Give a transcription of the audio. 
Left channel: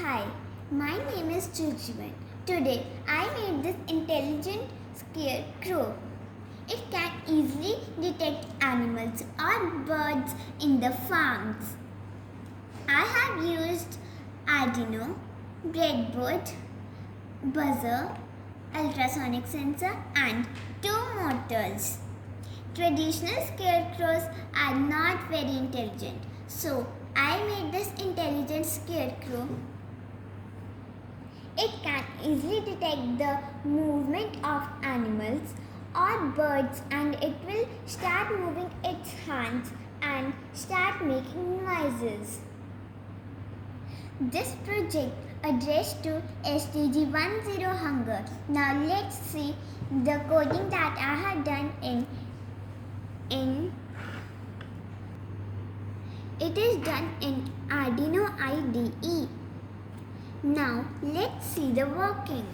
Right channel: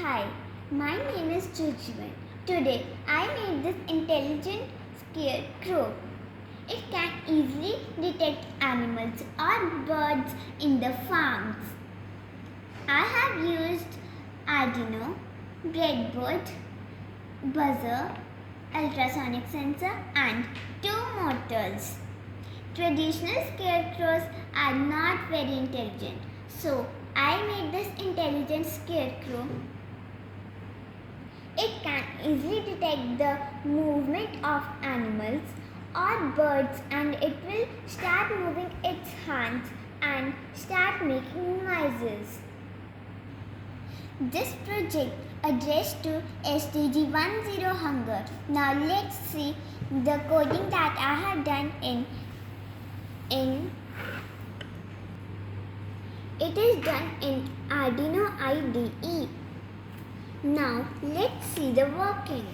Hi, my name is Jujjuvan. Today I made this intelligent scarecrow. It can easily detect animals or birds in the farms. I have used Arduino, breadboard, buzzer, ultrasonic sensor and 2 motors. Traditional scarecrows are not very intelligent, so I made this intelligent scarecrow. It can easily detect the movement of animals or birds, and it will start moving its hands and start making noises. This project addressed to SDG 10 hunger. Now let's see the coding that I have done in it is done in Arduino IDE. Now let's see the working.